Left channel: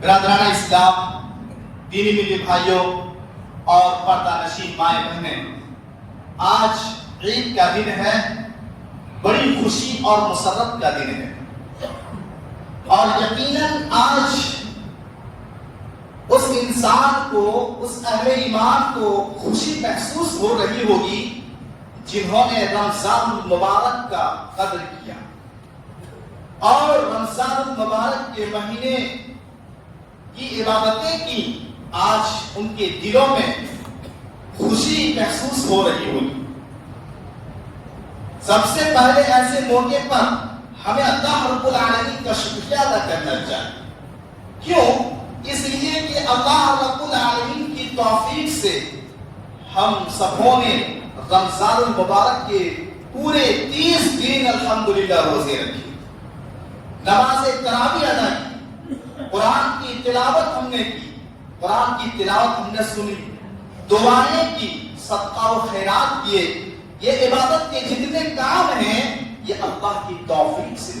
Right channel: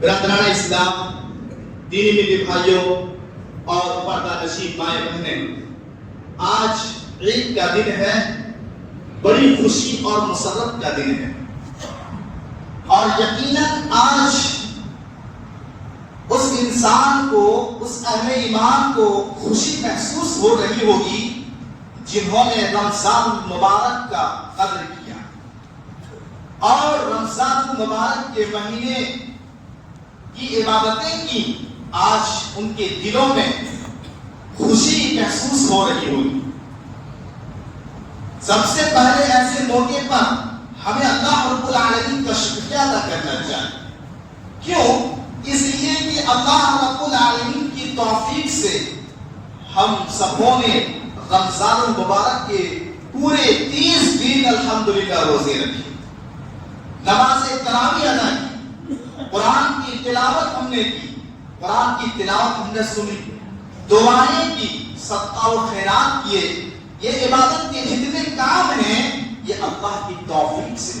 برادران اسلام، دینی میٹھے بھائیوں اور پردہ نشین مائیں بہنیں، آج عید کا دن ہے، بڑی خوشی اور مسرت کا دن ہے، اور یقیناً آج اس انسان کو، اس اہل ایمان کو خوشی محسوس ہو رہی ہوگی جنہوں نے رمضان المبارک کا قدر کیا اور رمضان المبارک کے مہینے کی عبادتیں کی۔ آج ان کے دلوں میں خوشی محسوس ہو رہی ہوگی۔ سب سے پہلے ایسے موقع پر ہمیں اللہ رب العالمین کا شکریہ ادا کرنا چاہیے۔ کیوں؟ اس لیے کہ اللہ رب العالمین کی توفیق سے ہم سبوں نے رمضان المبارک کے پورے 30 دن الحمدللہ روزے رکھے، نماز تراویح ادا کی، قرآن کی تلاوت ہم نے کی، قرآن کی تلاوت ہم نے سنی، دعائیں کی، صدقہ و خیرات کیے۔ یہ عبادت کے جتنے کام ہیں یہ اللہ کی توفیق سے۔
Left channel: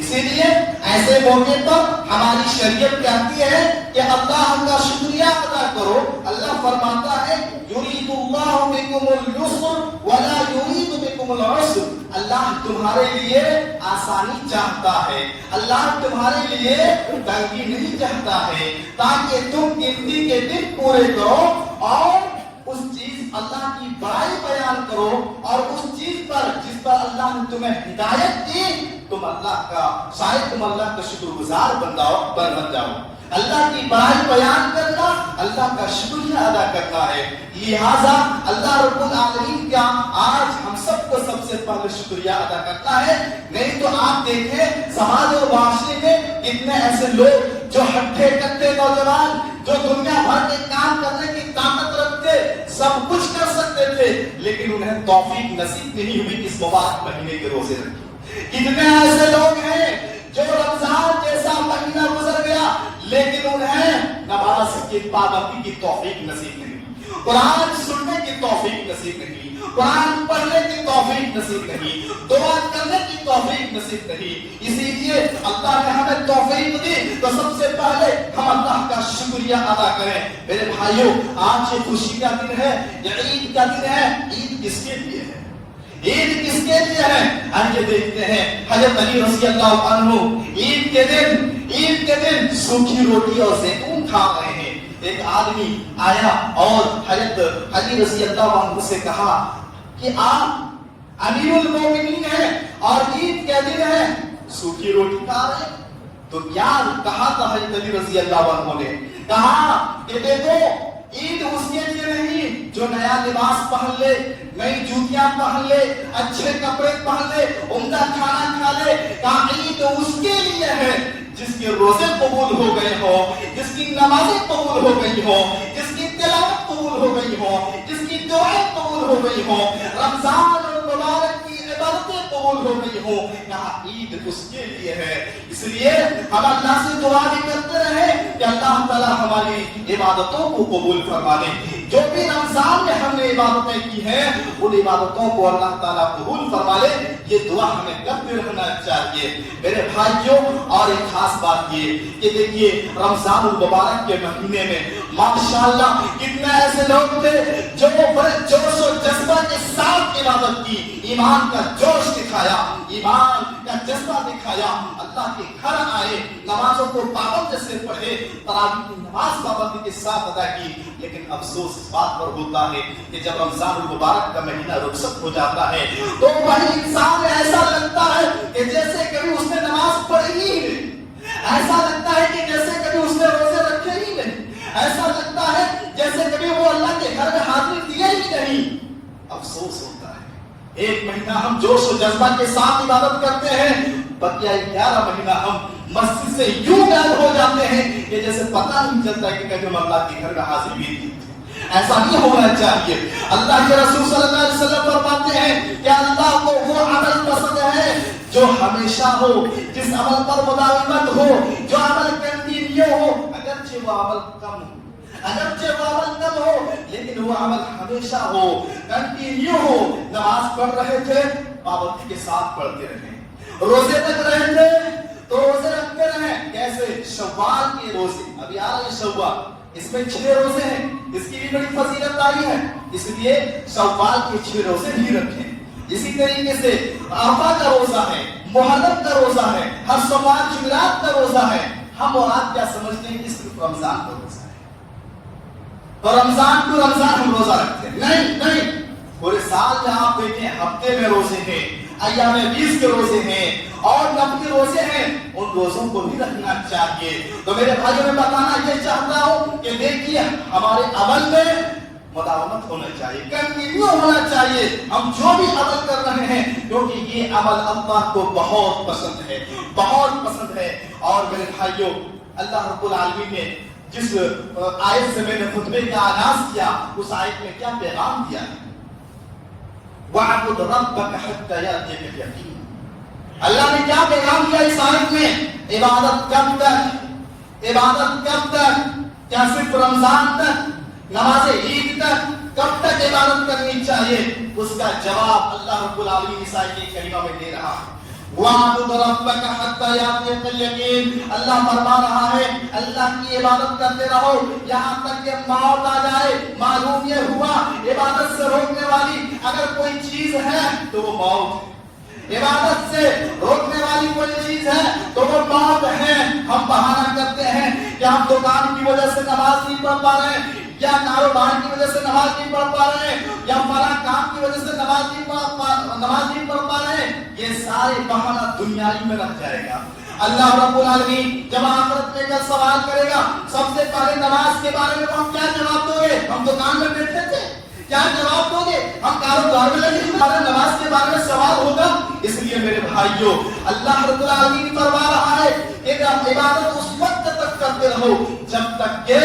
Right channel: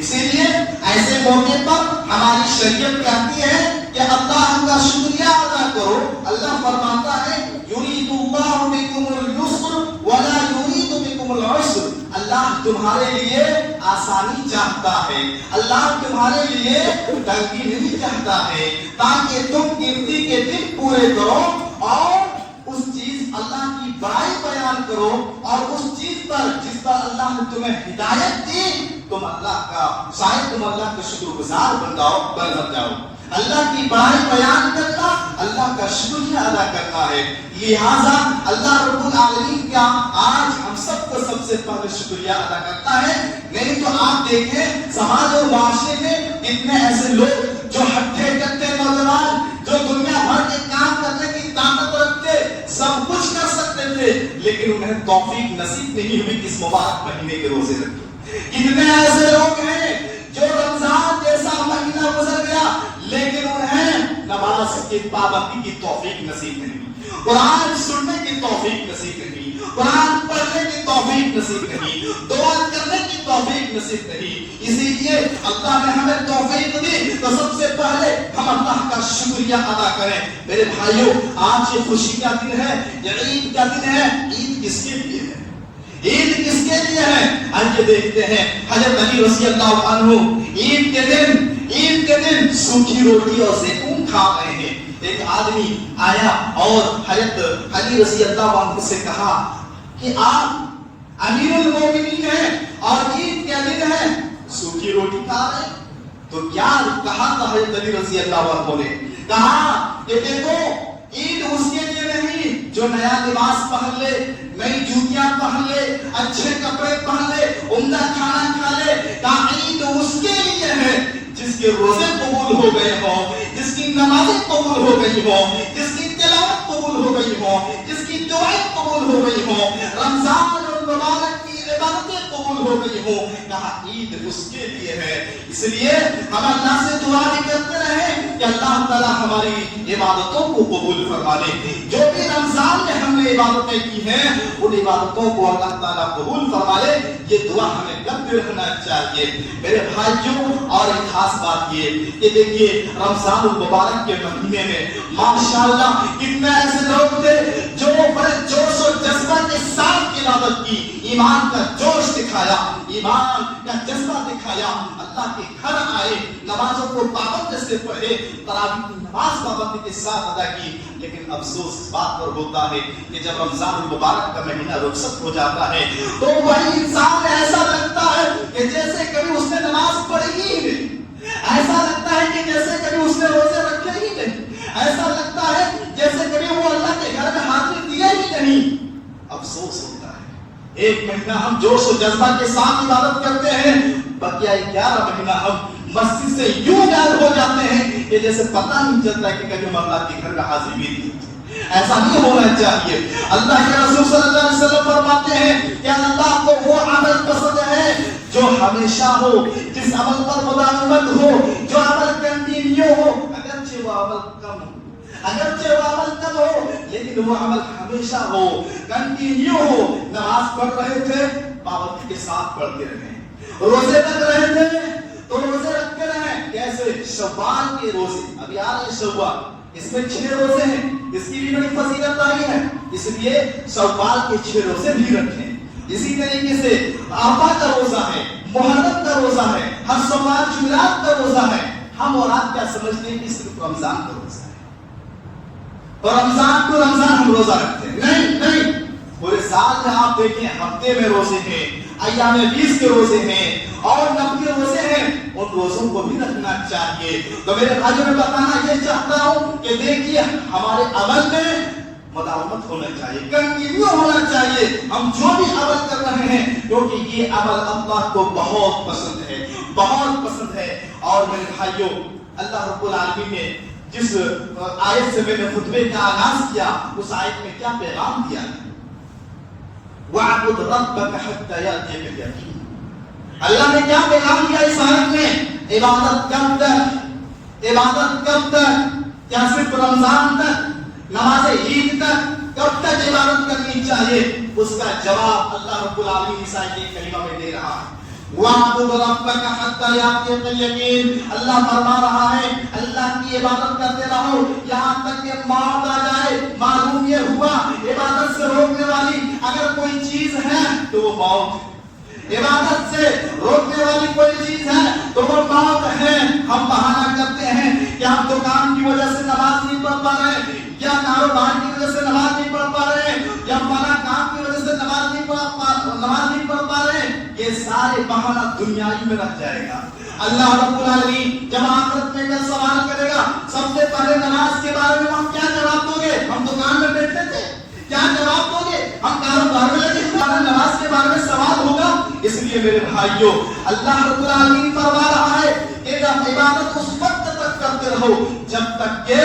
اسی لیے ایسے موقع پر ہماری شریعت کہتی ہے کہ اللہ کا شکریہ ادا کرو۔ اللہ فرماتا ہے یرید اللہ بکم اليسر ولا یرید بکم العسر۔ اللہ تمہارے لیے آسانی چاہتا ہے، اللہ تمہارے لیے تنگی نہیں چاہتا ہے، تاکہ تم گنتی کے دن پورے کرو اور اس چیز اللہ کی بڑائی بیان کرو، اور اس چیز پر جس پر اللہ نے تمہیں ہدایت دی تم اللہ کا شاید تم اللہ کا شکر گزار بن جاؤ۔ اللہ کی بڑائی بیان کرنا اللہ کا شکریہ ادا کرنا ہے۔ لہذا اللہ رب العالمین کا آج ہم سب کو سب سے پہلے شکریہ ادا کرتا ہے۔ نہیں تو آپ دیکھیں سماج اور معاشرے میں کتنے ایسے لوگ جو ہٹھے کٹھے نوجوان جو دنیا بھر کے کام کرنے کی طاقت رکھتے، سب کچھ کر سکتے تھے، لیکن انہیں توفیق نصیب نہیں ہوئی اس مبارک مہینے کے روزے رکھے۔ کتنے ایسے لوگ ہیں جو رمضان جیسا مہینہ گزر گیا لیکن انہیں نماز کی پابندی کی توفیق نصیب نہیں، قرآن سننے کی توفیق نصیب نہیں، قرآن پڑھنے کی توفیق نصیب نہیں، دعا کرنے کی توفیق نصیب نہیں۔ اسی لیے اللہ نے ہمیں توفیق دی تو سب سے پہلے ہم اللہ کا شکریہ ادا کریں۔ میرے بھائیوں، آج یہ خوشی کا دن ہے، یہ عید کا دن ہے۔ عید کس کے لیے ہے؟ عید کس کے لیے ہے؟ آئیے دیکھتے ہیں۔ حضرت علی رضی اللہ عنہ عید کے دن سوکھی روٹی اور زیتون کھا رہے ہیں۔ ایک آدمی آیا اور حضرت علی رضی اللہ عنہ سے کہا کہ آپ امیر المومنین ہیں اور عید کے دن ہے، سوکھی روٹی کھا رہے ہیں، تو کیا کہا تھا حضرت علی رضی اللہ عنہ نے؟ کہا کہ دیکھو عید اس کے لیے نہیں جو نیا لباس پہن لے، نئی جوتیاں پہن لے، اچھے کپڑے پہن لے، عمدہ کھانا کھا لے۔ کہا عید اس کے لیے ہے جس کے روزے قبول ہو گئے ہوں، جس کی نمازیں قبول ہو گئی ہوں، جس کی تلاوت قبول ہو گئی ہوں، جس کی دعائیں قبول ہو گئی ہوں، رمضان المبارک کی عبادتیں قبول ہو گئی ہوں۔ کہا عید اس کے لیے ہے۔ اس لیے ہم اللہ سے دعا کرتے رہے کہ اللہ تعالیٰ ہماری عبادتوں کو قبول فرما لے۔ جو بھی رمضان میں ہم نے عبادتیں کی ہیں ان عبادتوں کو اللہ تعالیٰ قبول فرما لے، یہ دعا ہمیں کرتے رہنا چاہیے۔ میرے بھائیوں، اور ایک خاص بات یہ کہ دیکھیے رمضان المبارک کے مہینے میں ماشاءاللہ کتنے ایسے لوگ تھے جو بڑے جوش و جذبہ کے ساتھ عبادت کی، ایمان کا جوش دکھایا، ایمان کا جذبہ دکھایا، اللہ کے گھر آئے، نمازوں کو پابندی سے پڑھے، تراویح کی نماز پابندی کے ساتھ ادا کی۔ لیکن افسوس اس بات پر ہوتا ہے کہ جب رمضان المبارک کا مہینہ رخصت ہو جاتا ہے تو وہی انسان ایسا لگتا ہے کہ جیسے کبھی اس نے نماز پڑھی ہی نہیں، ایسا لگتا ہے کہ جیسے کبھی اس نے روزے رکھے ہی نہیں، ایسا لگتا ہے جیسے کبھی وہ اللہ کے گھر میں حاضری دیے ہی نہیں۔ افسوس ہوتا ہے، ایک مہینہ ہم جوش و جذبہ کے ساتھ عبادت کرتے ہیں، بقیہ 11 مہینہ ہم مسجد سے یوں غائب ہو جاتے ہیں کہ جیسے پتہ نہیں چلتا کہ کبھی ہم اللہ کے گھر میں حاضری بھی دی۔ ایسا نہیں ہونا چاہیے۔ اللہ کے رسول صلی اللہ علیہ وسلم فرماتے ہیں کہ اللہ کو وہ عمل پسند ہے جو ہمیشہ ہو، جس عمل پر مداومت ہو، جو عمل کنٹینیو ہو، اگرچہ وہ عمل کم ہو لیکن وہ عمل ہمیشہ ہو، کنٹینیو ہو۔ نماز پڑھ رہے تھے، پابندی کے ساتھ پڑھتے رہے، روزے رکھ رہے تھے، تو روزے رکھتے رہیں. کیسے؟ شوال کے روزے. ابھی آ رہے شوال، اس میں 6 روزے ہیں، اس کی بھی بڑی فضیلت آئی ہے، اس لیے شوال کے 6 روزے بھی رکھیں. اسی طریقے سے عرفہ کا روزہ ہے، محرم کا روزہ ہے، ہر سوال جمعرات کا روزہ ہے. ہم اور آپ کیا سمجھتے ہیں کہ صرف رمضان کا روزہ ہے تو رمضان کو رمضان ہم روزہ رکھتے ہیں. نہیں، پورے سال میں آپ دیکھیں ہفتے میں روزے ہیں، ایام 20 کے روزے ہیں اور نفلی روزے ہیں. ان روزوں کو بھی رکھنا چاہیے. تو میرے بھائیوں میں بتانا یہ چاہتا ہوں کہ دیکھیے ہمارے عمل میں مداومت ہونا چاہیے، کنٹینیو ہونا چاہیے. ہم جو بھی عمل کر رہے ہیں کیونکہ یہ عمل اللہ کو بہت پسند ہے، بہت پسند ہے. اور میرے بھائیوں، اللہ رب العالمین نے جس آیت سے میں نے خطبے کا آغاز کیا، اس آیت میں کیا پیغام دیا ہے؟ وَاعْبُدْ رَبَّكَ حَتَّى يَأْتِيَكَ الْيَقِينُ. اللہ نے کیا پیغام دیا اس آیت میں؟ عبادت کب تک؟ عبادت کب تک؟ کیا صرف رمضان تک؟ نماز عید تک؟ کب تک عبادت کرنی چاہیے؟ اس کا جواب اللہ رب العالمین اس آیت کریمہ میں دے رہا ہے. وَاعْبُدْ رَبَّكَ حَتَّى يَأْتِيَكَ الْيَقِينُ. اللہ فرما رہا ہے اللہ کی عبادت کرتے رہو یہاں تک کہ موت آ جائے. معلوم یہ ہوا عبادت سے روکنے والی اگر کوئی چیز ہے تو وہ موت ہے. عبادت سے روکنے والی کوئی چیز ہے تو وہ موت ہے. ہم بہانہ کرتے ہیں کہ ہم دکان کی وجہ سے نماز نہیں پڑھ پا رہے ہیں، یا کاروبار کی وجہ سے نماز نہیں پڑھ پا رہے ہیں، یا فلاں کام کی وجہ سے نماز نہیں پڑھ پا رہے ہیں. یہ سارے بہانہ دنیائی میں رہ جائے گا. اللہ رب العالمین جب آخرت میں کل سوال کرے گا سب سے پہلے نماز کے بارے میں ہم کیا جواب دو گے؟ ہم دکان میں بیٹھتے تھے، کیا جواب دو گے؟ ہم کاروبار میں لگے ہوئے، نماز کے بارے میں سوال ہوگا. اس لیے میرے بھائیوں اللہ رب العالمین فرما رہا ہے کہ عبادت اس وقت تک کرتے رہو جب تک کہ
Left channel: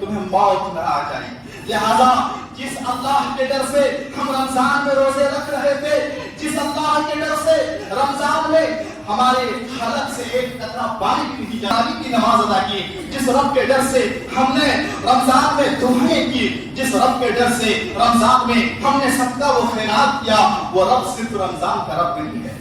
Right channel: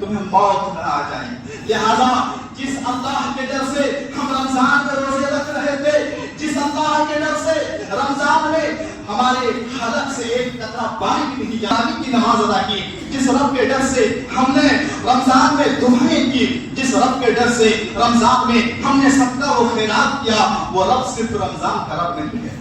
تمہیں موت نہ آ جائے. لہذا جس اللہ کے ڈر سے ہم رمضان میں روزے رکھ رہے تھے، جس اللہ کے ڈر سے رمضان میں ہمارے حلق سے ایک قطرہ پانی بھی نہیں جاری کی نماز ادا کی، جس رب کے ڈر سے ہم نے رمضان میں دعائیں کی، جس رب کے ڈر سے رمضان میں ہم نے صدقہ و خیرات کیا، وہ رب صرف رمضان کا رب نہیں ہے.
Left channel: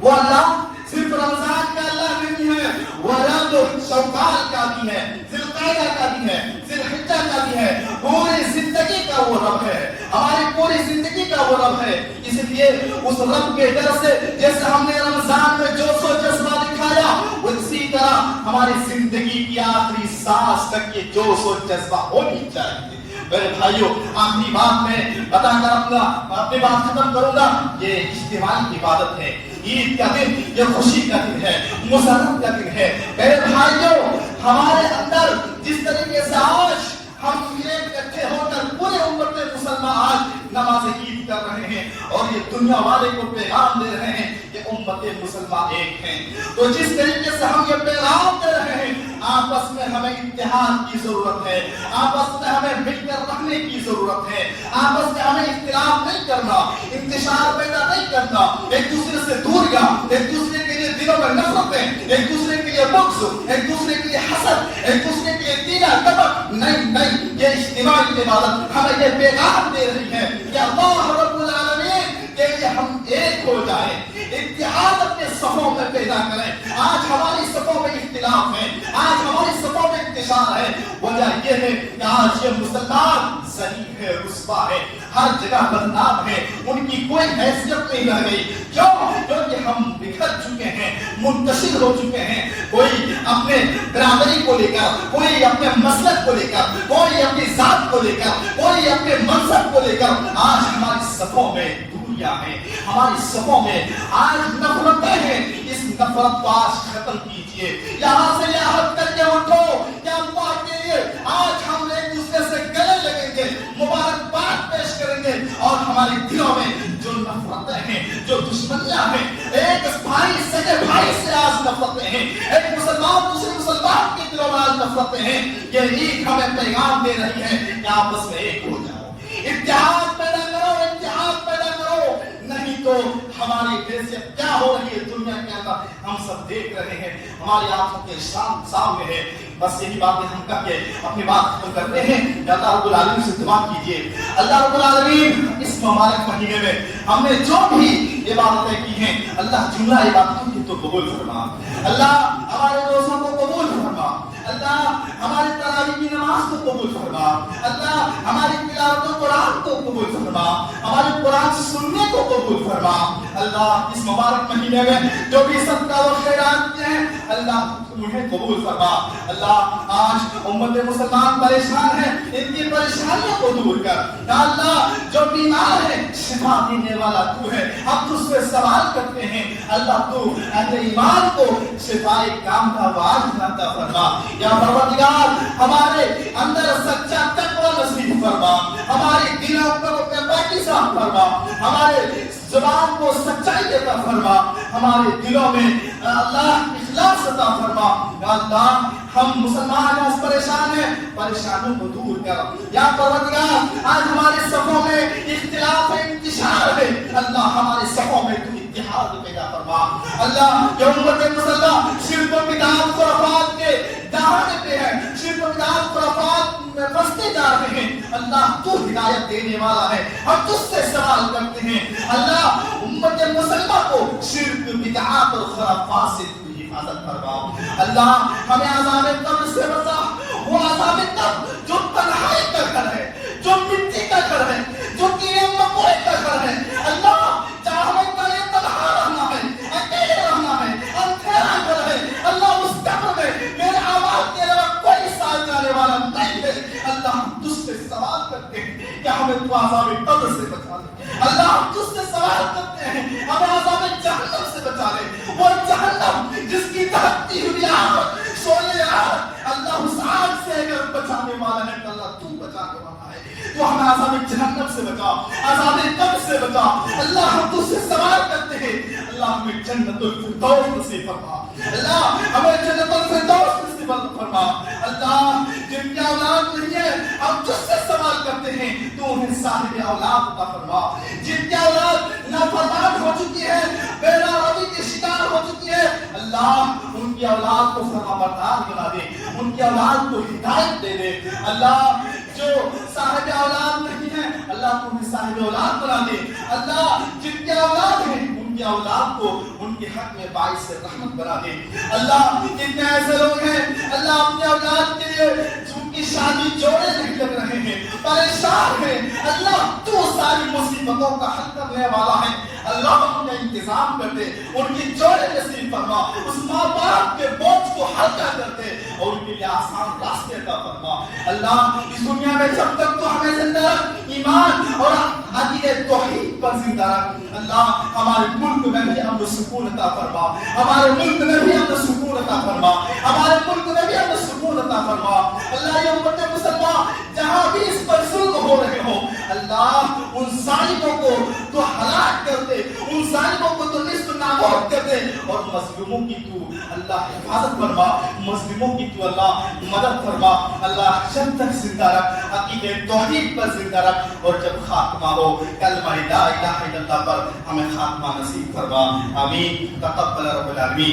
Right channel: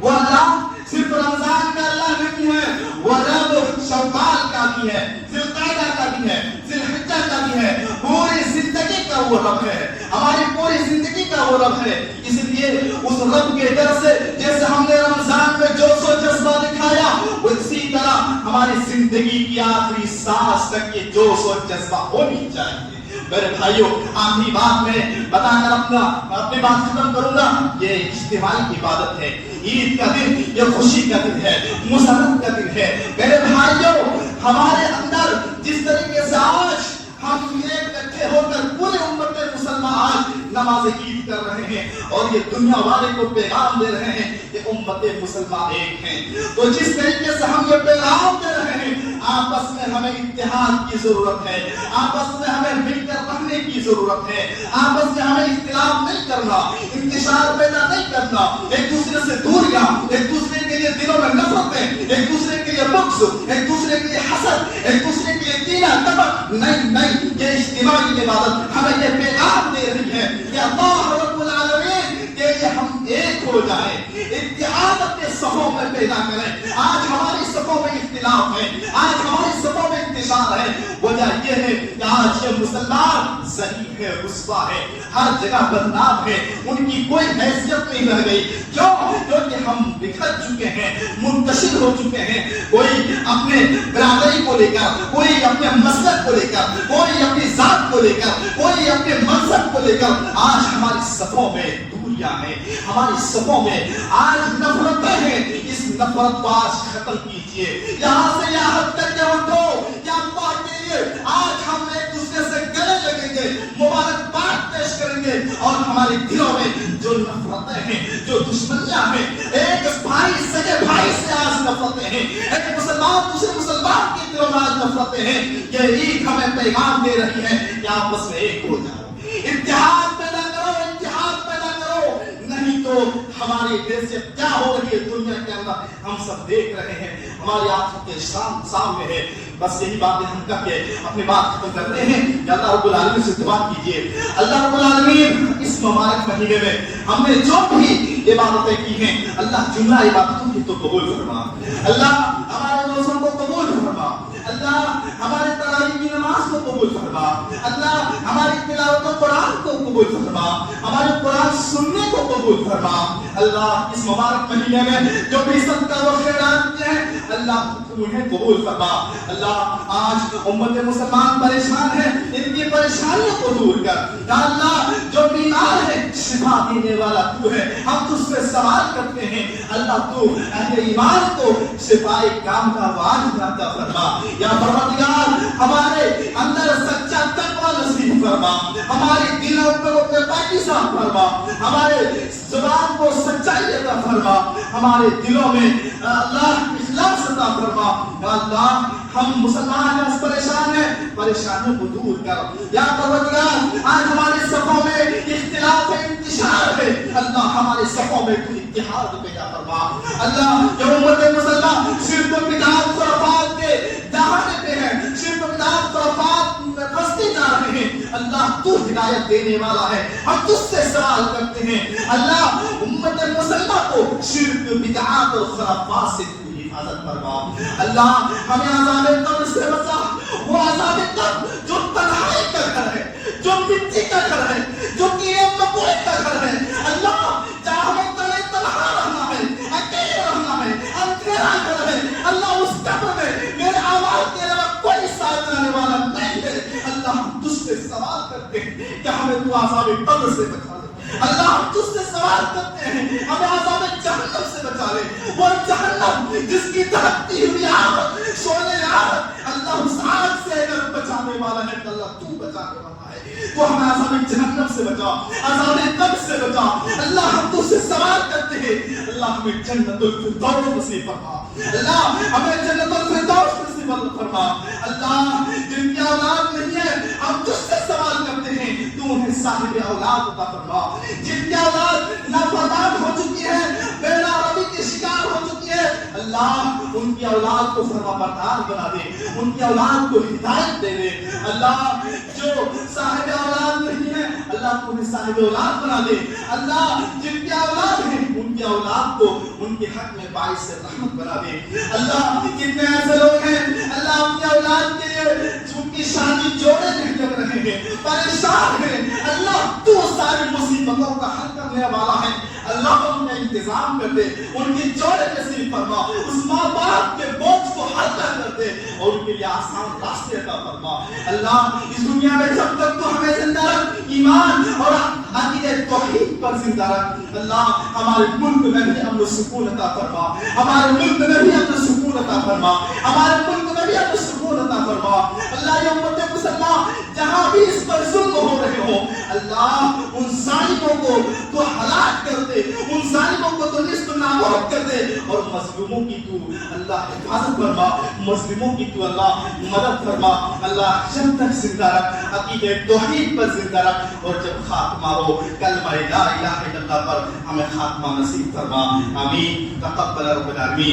وہ اللہ صرف رمضان کا اللہ نہیں ہے، وہ رب شوال کا بھی ہے، ذوالقعدہ کا بھی ہے، ذوالحجہ کا بھی ہے. پوری زندگی کا وہ رب ہے، ہماری پوری زندگی کا وہ رب ہے. اس لیے اس رب کے ڈر سے جیسے ہم نے رمضان میں جوش و جذبہ دکھایا، اسی طرح ہماری زندگی کی آخری سانس تک یہ جوش و جذبہ ہونی چاہیے. میرے بھائیوں آخری بات میں بتا کر اپنی بات ختم کروں گا. یہ اجتماعی عبادت ہے. عید کا دن یہ خوشی کا دن ہے، مسرت کا دن ہے. میرے بھائیوں ہمارے اندر جس طریقے سے آج ہم اکٹھے ہو کر پورے امت مسلمان آج نماز عید کر رہے ہیں اور یہ دنیا والے کو پیغام دے رہے ہیں کہ امت مسلمان ایک ہیں، تو جس طریقے سے ہم یہ پیغام دے رہے ہیں آپس میں ہمیں اتحاد کی ضرورت ہے، آپس میں ہمیں مل کر رہنے کی ضرورت ہے، آپس میں ہمیں اختلاف نہیں کرنا، انتشار پیدا نہیں کرنا، ایک دوسرے سے دوریاں، ایک دوسرے کے لیے دلوں میں نفرتیں، ایک دوسرے کے لیے بغض، ایک دوسرے کے لیے حسد، ایک دوسرے کے لیے کینہ کپٹ نہیں. یہ اجتماعی عبادت ہمیں یہ پیغام دے رہی ہے کہ اللہ رب العالمین کے لیے ہم ایک ہو جائیں، اتحاد اپنے صفوں میں پیدا کریں. آج ہماری صفوں میں اختلاف ہے، آج ہماری صفوں میں انتشار ہے. وجہ یہ ہے کہ آج یہ مسلمان ذلیل ہے، رسوا ہے، ہر جگہ بدنام ہے، ان کی کوئی حیثیت نہیں رہ گئی. کیونکہ ہم بکھر چکے ہیں، منتشر ہو چکے ہیں. کوئی اپنے برادری کو لے کر، کوئی اپنے مسلک کو لے کر، کوئی اپنی ذات کو لے کر، کوئی اپنے منصب کو لے کر آج ہماری صفوں میں دوریاں ہیں، ہماری صفوں میں آج نفرتیں ہیں. اس نفرت کو آج ختم کیجیے. یہاں سے یہاں تک کہ اٹھو کہ اللہ کے لیے آج ہم ایک دوسرے سے گلے لگیں گے، مبارکباد پیش کریں گے اور ہمارے دلوں میں جو نفرتیں ہیں، جو دشمنیاں ہیں، ایک بھائی سگے بھائی سے آج نفرتیں ہیں، ایک مسلمان دوسرے مسلمان کے دلوں میں آج نفرتیں ہیں. یہ عید ہمیں پیغام دے رہی ہے کہ آپس میں ایک ہو جاؤ، اتحاد پیدا کرو، اتحاد پیدا کرو. نہیں تو ہماری حیثیت کیا ہو رہی ہے دنیا کے اندر ہم سب دیکھ رہے ہیں، ہماری آنکھوں کے سامنے ہے. بس یہی باتیں ہم کر کے اپنی بات ختم کرتے ہیں کہ اللہ رب العالمین سے دعا کیجیے. اللہ رب العالمین اس مبارک مہینے میں ہم نے جو بھی عبادتیں کی ہیں اللہ جملہ عبادتوں کی تو قبول فرما اللہ ہمارے روزوں کو قبول فرما اللہ ہمارے تراویح کی نماز کو قبول فرما اللہ ہماری تلاوت قرآن کو قبول فرما ہمارے قرآن سننے کو قبول فرما اللہ اس مبارک مہینے میں جو بھی صدقہ و خیرات ہیں اللہ انہیں قبول فرما اللہ آج امت مسلمان پریشان ہے ان کی پریشانیوں کو دور کر یا اللہ جو بیمار ہے شفا دینے والا تو ہے ہم تجھ سے سوال کرتے ہیں اللہ تو اہل ایمان کو شفائے کام کا واجب عطا فرما یا پروردگار ہمارے اندر سچا تقوی نصیب فرما ہمارے دلوں پر پاکیزہ فرما ہمارے زبان کو سچائی عطا فرما ہمارے دلوں میں اللہ اخلاص عطا فرما یا اللہ ہم مسلمان ہیں پریشان ہیں پریشانیوں کو دور کر یا پروردگار آج ہمارے صفوں میں اختلاف ہے انتشار ہے اللہ ہمارے صفوں میں تو اتحاد پیدا فرما اللہ یہ امت مسلمان شرک و بدعت خرافات کے دہانے پہ ہے شرک و بدعت خرافات میں پھنستے جا رہے ہیں اللہ تو ہدایت دینے والا ہے ہم تجھ سے سوال کرتے ہیں اللہ امت مسلمہ کو شرک بدعت اور خرافات سے حفاظت فرما اللہ ہمیں عذاب قبر سے بچا وہ عذاب قبر جو تنہائی کا گھر ہے جو مٹی کا گھر ہے جو کیڑے مکوڑے کا گھر ہے اللہ جہاں ہمیں تنہا رہنا ہے اکیلے رہنا ہے اندھیرا گھر ہے اللہ اس قبر میں میرے آواز کے علاوہ کوئی ساتھ جانے والا نہیں ہے اللہ ہم تجھ سے سوال کرتے ہیں کہ ہمیں تو عذاب قبر سے بچا دے اللہ ہم تجھ سے سوال کرتے ہیں ہمیں عذاب جہنم سے بچا لے وہ جہنم جس کی دھڑکتی ہوئی آگ سونے آگ اللہ اس آگ سے اگر بچانے والا ہے تو اللہ تو بچانے والا ہے تو ہمیں عذاب جہنم سے بچا عذاب قبر سے بچا اللہ ہم تجھ سے سوال کرتے ہیں اللہ ہمیں جنت الفردوس نصیب فرما اللہ ہمیں جنت الفردوس نصیب فرما اللہ جن کی اولاد نہیں ہے ہم تجھ سے سوال کرتے ہیں تو انہیں صاحب اولاد عطا فرما جن کی اولاد نافرمان ہو چکی ہے بے ناروی کے شکار ہو چکی ہے اللہ ان کی اولاد کو فرما بردار بنا دے ان کی اولاد کو ہدایت دے دے اللہ جو صاحب اولاد نہیں ہے اللہ کو انہیں صاحب اولاد بنا دے اللہ جن کی اولاد ہے ان کی اولاد کو ان کے حق میں باعث رحمت بنا دے اللہ کتنے ایسے لوگ ہیں اللہ اپنی اولاد کے لیے جن کی شادی جوڑے نہیں لگ رہے ہیں پریشان ہیں اللہ تو ساری مصیبتوں کا حل کرنے والا ہے اللہ ان کا انتظام کر دے ان کی جوڑے نصیب فرما اس ماں باپ کے بوجھ کو ہلکا کر دے اور ان کے لیے آسان راستے عطا فرما اللہ اس دنیا میں جب تک تو ہمیں زندہ رکھ ایمان اور عقیدہ توحید پر زندہ رکھ اللہ ہمارے ملک میں بھی امن و سکون عطا فرما ہمارے ملک میں بھی امن و سکون عطا فرما ہمارے ملک میں بھی امن و سکون عطا فرما اللہ یہ امت مسلمان جہاں بھی اس پر ظلم ہو رہے ہو اللہ ان ظالموں کو تو ہلاک کر دے ان ظالموں کو تو نیست و نابود کر دے اور مظلوموں کی تو اللہ حفاظت فرما مظلوموں کی تو اللہ مدد فرما اللہ جب تک زندہ رکھ عقیدہ توحید پر زندہ رکھ اور جب خاتمہ ہو کلمہ لا الہ الا اللہ پر ہمیں خاتمہ نصیب فرما آمین تقبل رب العالمین